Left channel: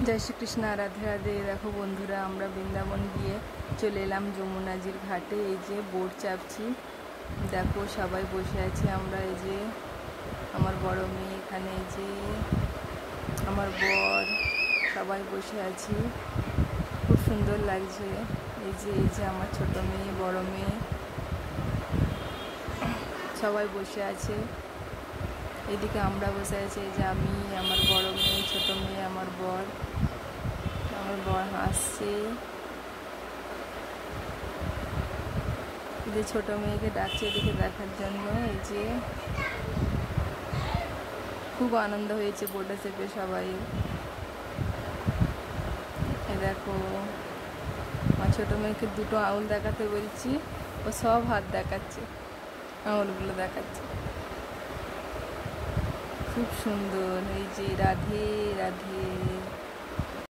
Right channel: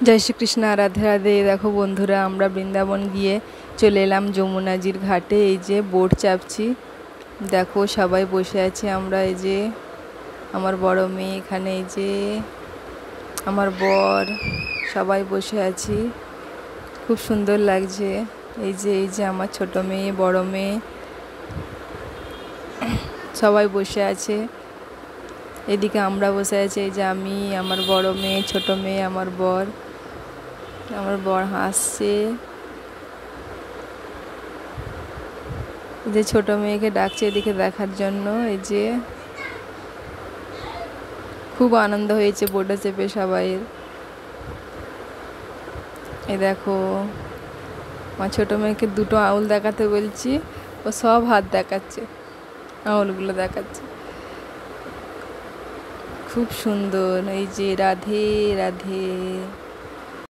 जय श्री कृष्णा राधे राधे। देखो बंधुरा আমরা বৃন্দাবন গিয়ে চলে এলাম যমুনাজির ঘাটে। এই যে বোট চাপছি, দেখো সবাই বসে আছে। আমরা এই যে আমার বড় মেয়ে এখানে, এই যে আমার বর, সবাই বসে আছি। খুব সুন্দর লাগছে। এই যে আমার ছোট মেয়ে, বড় মেয়ে সবাই বসে আছে। এদিকে আমরা বসে আছি, এই যে আমি, আমার বড় মেয়ে, ছোট মেয়ে, আমার বর হাসছে। এই যে ছোট মেয়েকে ডাকছে এদিকে দেখার জন্য। এই যে খুব আনন্দ হয়েছে বোটে চেপে সবাই। এই দেখো আমার ছোট মেয়েকে দুটো আঙুল দেখাতে বলছি, ও সব হাত দেখাচ্ছে, আঙুলগুলো দেখাচ্ছে। খুব সুন্দর। এই যে রাধে রাধে।